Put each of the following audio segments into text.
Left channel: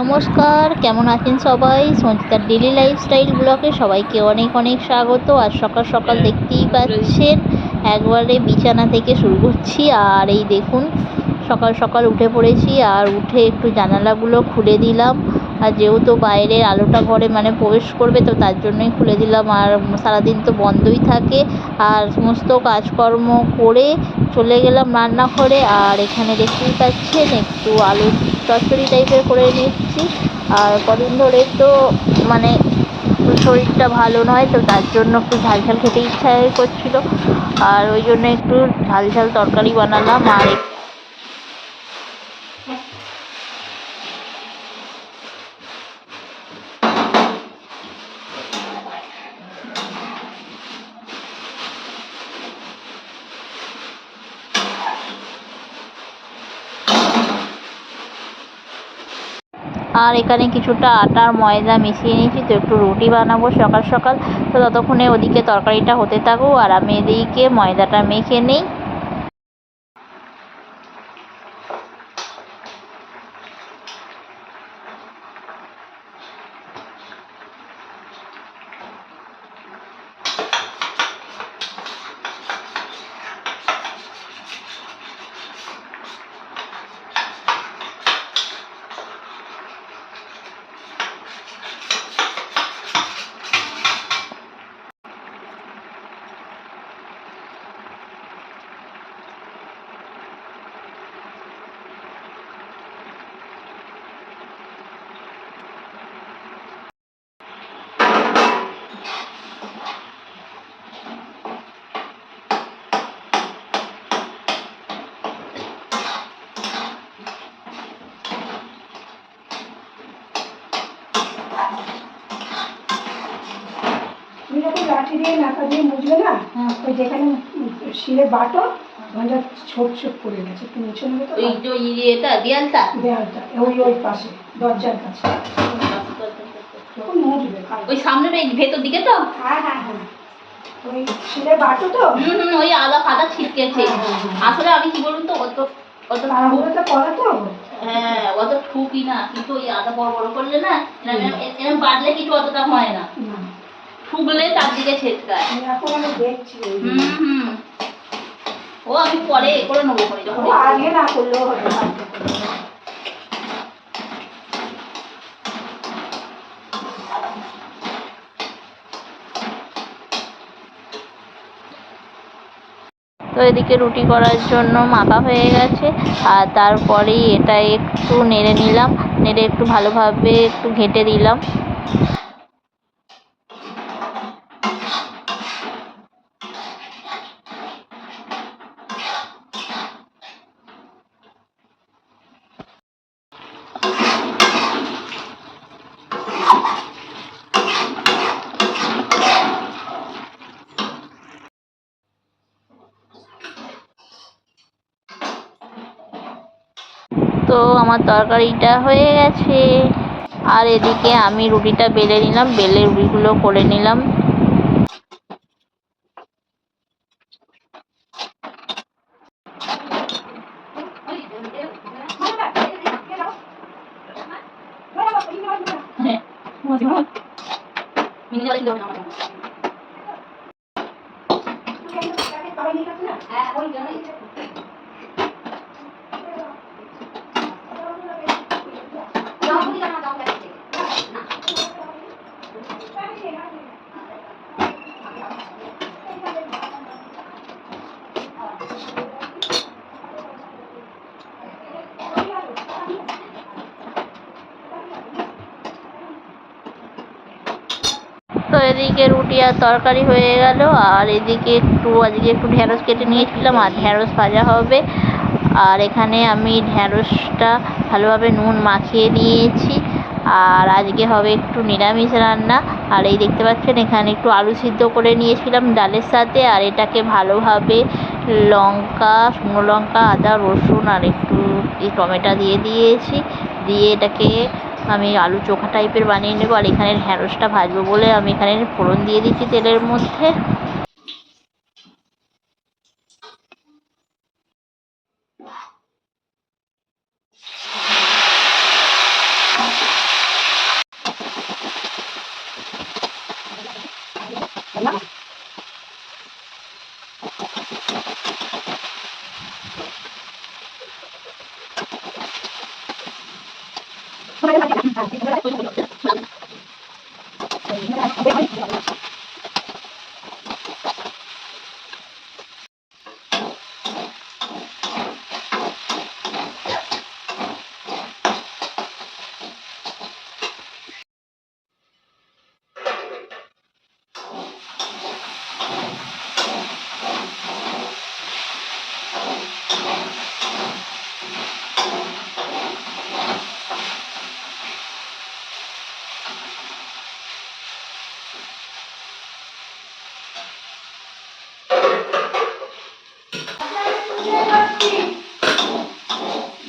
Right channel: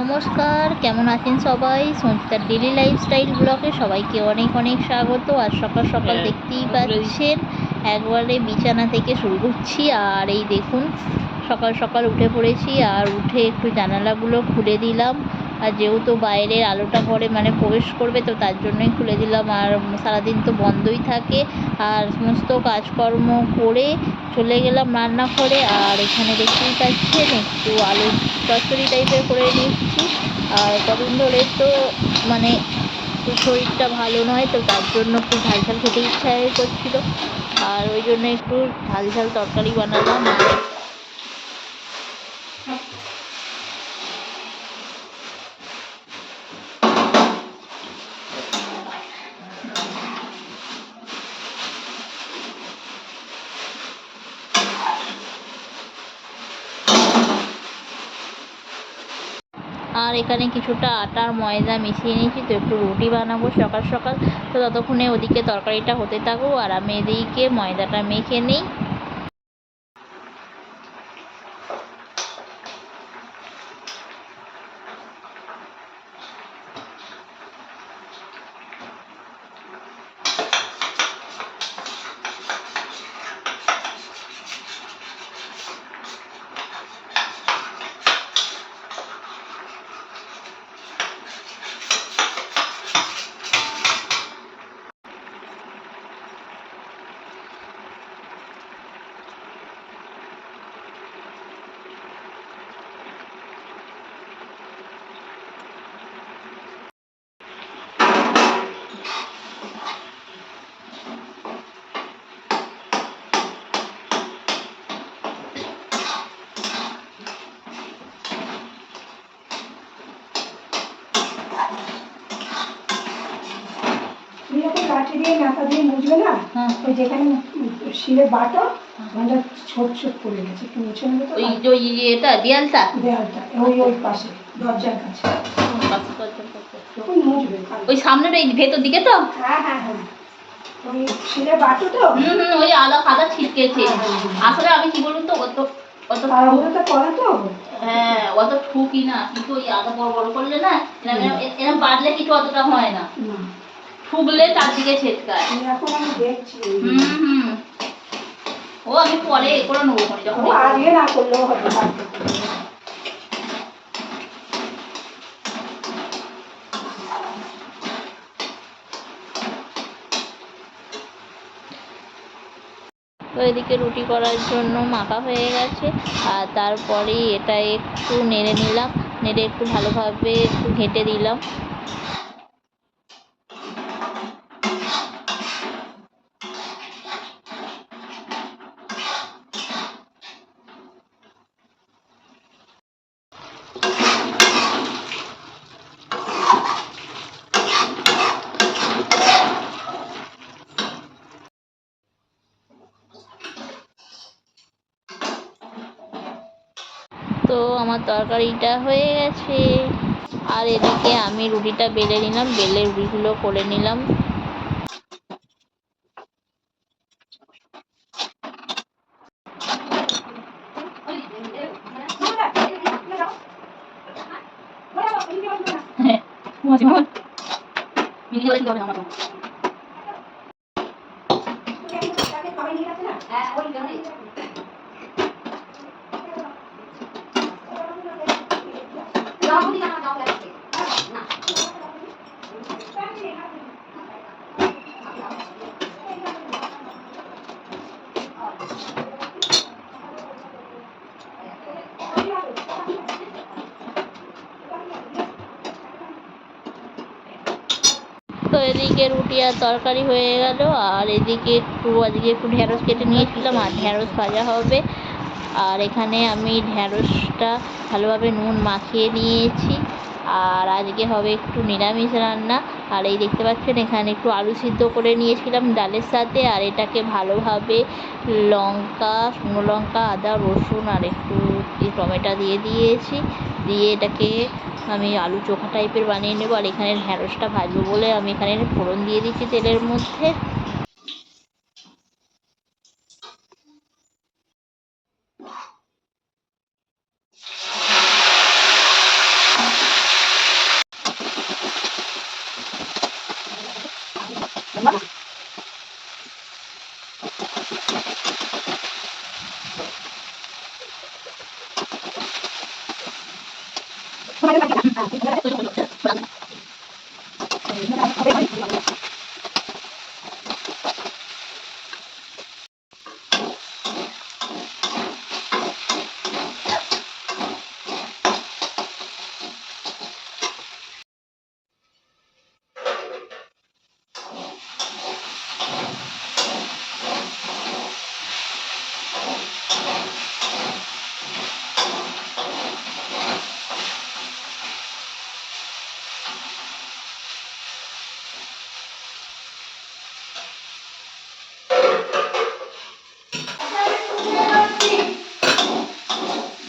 নমস্কার, কেমন আছেন সবাই? সঞ্চিতার ডেলি লাইফস্টাইল ব্লগে সবাইকে অনেক অনেক স্বাগত। আর সকাল সকাল দেখতেই পাচ্ছেন একবারে বিছানা থেকে শুরু করছি। আর এই দেখুন সকাল সকাল উঠে পড়েছি, আর উঠে একটু জানালাগুলো খুলে দিলাম। আর যেহেতু বাইরের আলোটা ঘরে প্রবেশ করবে, তো তার জন্যই খুলে দিলাম। আর সারাদিন তো বন্ধই থাকে। আর সমস্ত কাজকর্ম করে চলে গেলাম রান্নাঘরে। আর এখানে দেখতেই পাচ্ছেন একটু আলু চচ্চড়ি টাইপের করে নিচ্ছি। আর কদিন ধরে তো মানে শরীরটা ভালো নয়, তো তার জন্য একটু ঝাল ঝাল খেতে ইচ্ছা করছিল। আর ওই জন্য একটু ঝাল ঝাল তরকারি বানালাম। আর এখানে কিছুটা আটার ময়দা মিশিয়ে নিয়েছি, তো একটু রুটি বানাবো সকাল সকাল। তো ততক্ষণে ওদিকে তরকারিটা হতে থাকুক, আর আমি এদিকে ময়দাটা মেখে নিই। লাঠি দিয়ে মাথা দিয়ে মুছবে না, ওই যেখানে শিলে বাটো ওখানটা ছোট ছোট পড়ে গেছে, একটু মুছে নেবে। তো এটা দেয়ালটা ওই পাশে দরজার কাছে যখন মুছবে ওই সামনের এই ভেতর দিকে তো। হ্যাঁ হ্যাঁ হ্যাঁ, ওই শিলে বাটো তো ওই আদা ফাদা ছিটকেছে। আসলে আমি কি বলুন তো, অত অত তাড়াহুড়োটা করে তো। হ্যাঁ, অত ঠুকি না, কিন্তু ওই আদা বড় বড় করলে না, এরকম বাড়লে কিছু অতটা হয় না, ঠুকলে চারদিকে ছেটকায়। এখন আমি দেখছি। ও আমি পরে এ করে নেবো, যখন আগে না করলেও হবে। তো এদিকে রুটি করার জন্য মাখা হয়ে গেছে। আর তারপরেই এটা একটু নেড়ে নিলাম, নেড়ে একটু ভালোভাবে একটু ঘেঁটে দিলাম। তো আমার তরকারিটা হয়ে গেছে। আর এদিকে আমি রুটিটা বেলে নিলাম, বেলে রুটিগুলো করে নিলাম। তো এদিকে রুটি আর তরকারি হয়ে গেল। আর এদিকে আজকে একটু ঢ্যাঁড়স কেটে নিয়েছিলাম, আর ঢ্যাঁড়স ভাজা হবে। আর এখানে আমি ঢ্যাঁড়সটা ভালোভাবে নুন মাখিয়ে নিয়েছি। আর আজকে হবে একটু নিরামিষ রান্না। আর এই দেখতে পাচ্ছেন এখানে একটু আলু সিদ্ধ করে নিয়েছিলাম ডালের সাথে। আর এটাকে ভালোভাবে লঙ্কা, শুকনো লঙ্কা, আদা, রসুন আর একটু টমেটো দিয়ে দিয়েছি। দিয়ে এটাকে আমি আলু চোখা টাইপের বানিয়ে নেবো। আর এখানে ঢ্যাঁড়সটা ভাজবো বলে আমি এখানে ফোড়ন দিয়ে দিচ্ছি তেলের মধ্যে।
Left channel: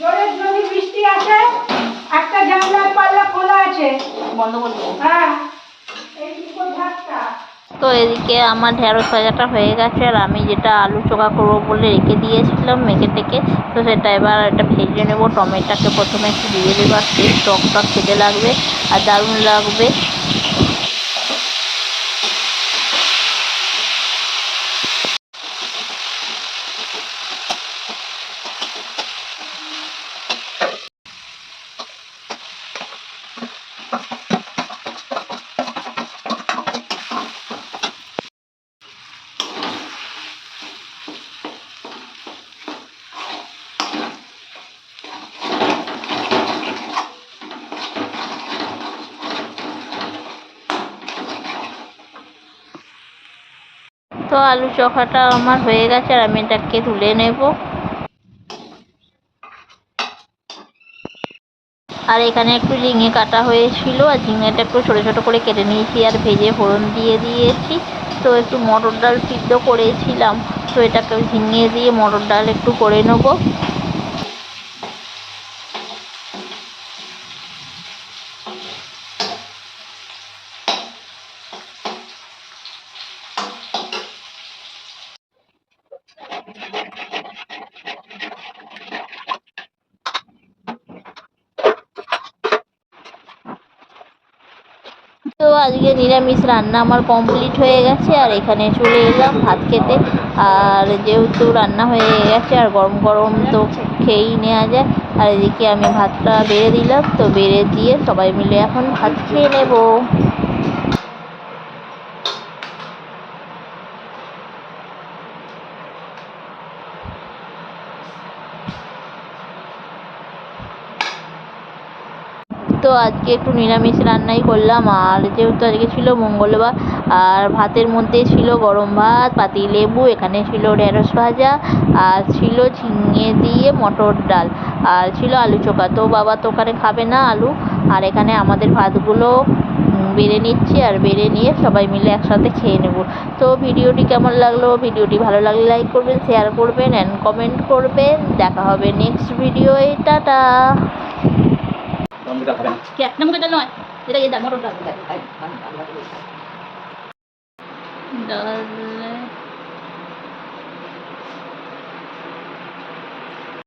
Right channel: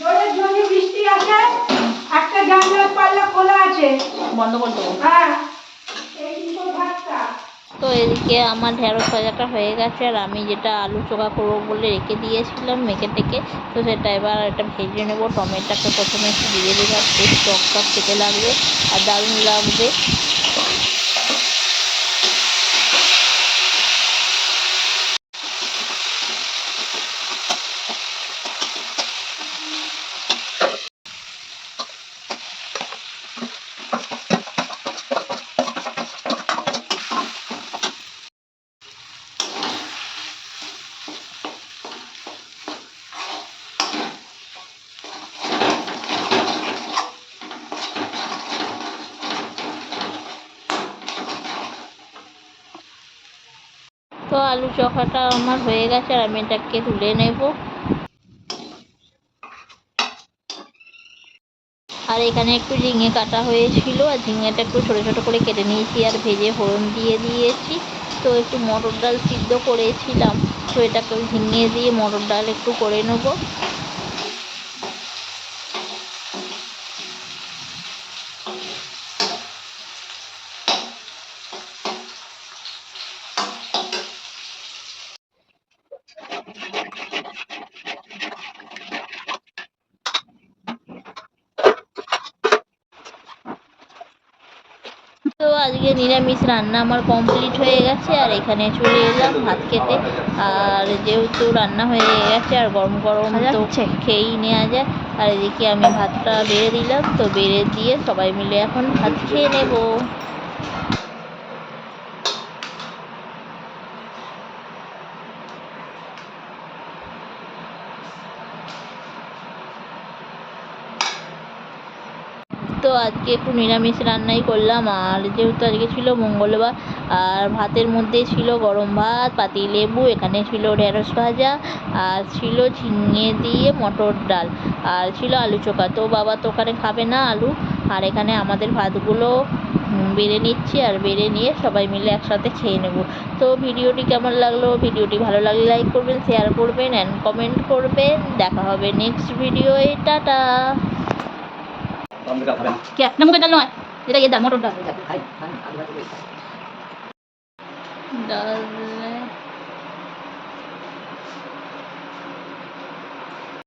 জোরে যদি বৃষ্টি আসে, একটা জানলার পাল্লা খোলা আছে, বন্ধ করে দেবো। হ্যাঁ, এই দুটো ভাতটা। তো এদিকে আমার ঢেঁড়স ভাজাটা হয়ে গেছে, আর আমি যেটা আলু চোখা করবো বলে রেখে দিয়েছিলাম মেখে টেকে, তো সেটা এবার এটা ভেজে নেবো। টমেটোটাকে প্রথমে একটু দিয়ে দেবো, আর টেস্ট টক খেতে লাগবে আর দারুণ লাগবে। তো আলু চোখাটা আমার হয়ে গেছে, আর আমি এটাকে তুলে নেব। আর এখানে একটু ঝিঙে কাটা হয়েছিল, আর ঝিঙেটা একটু ছোটো ছোটো করে কেটে নিয়েছি আর ভেজে ফোড়ন দিয়ে দিয়েছি। তো একটু মটর ডাল সিদ্ধ করেছিলাম, তো এটাকে ঝিঙে দিয়ে মটর ডাল একটু করে নেবো। তো আজকে নিরামিষ রান্না আমার কমপ্লিট হয়ে গেছে, আর এখানে চলে এলাম ভাত খেতে। আর যেহেতু রান্না হয়ে গেছে আর গরম গরম তো খেয়েই নেওয়া যায়। আর এদিকে আমি ভাতটা বেড়ে দিলাম, তো বেড়ে দিয়ে সবাই মিলে এখন ভাত খেয়ে নেবো। তো আজকে একটু নিরামিষ রান্নাই করলাম, আর যেহেতু আজকে ছিল মঙ্গলবার, আর ভাতের মধ্যে ছিল গরম ভাত, পাতিলেবু, এখানে ছিল ঢেঁড়স ভাজা, আর ছিল ঝিঙে দিয়ে মটর ডাল, আর ছিল আলু চোখা। তো বাবা তো ওখানে খাবে না আলু, আর এখানে আমাদের ভাতগুলো বেড়ে নিচ্ছি, আর বেড়ে নিয়ে সবাই মিলে একসাথে খেয়ে নেব। তো ভিডিওটি কেমন লাগলো, ভিডিওটি ভালো লাগলে লাইক করবেন, শেয়ার করবেন অ্যান্ড কমেন্ট করবেন। দেখা হবে নেক্সট ভিডিওয়ে। টাটা। ডাল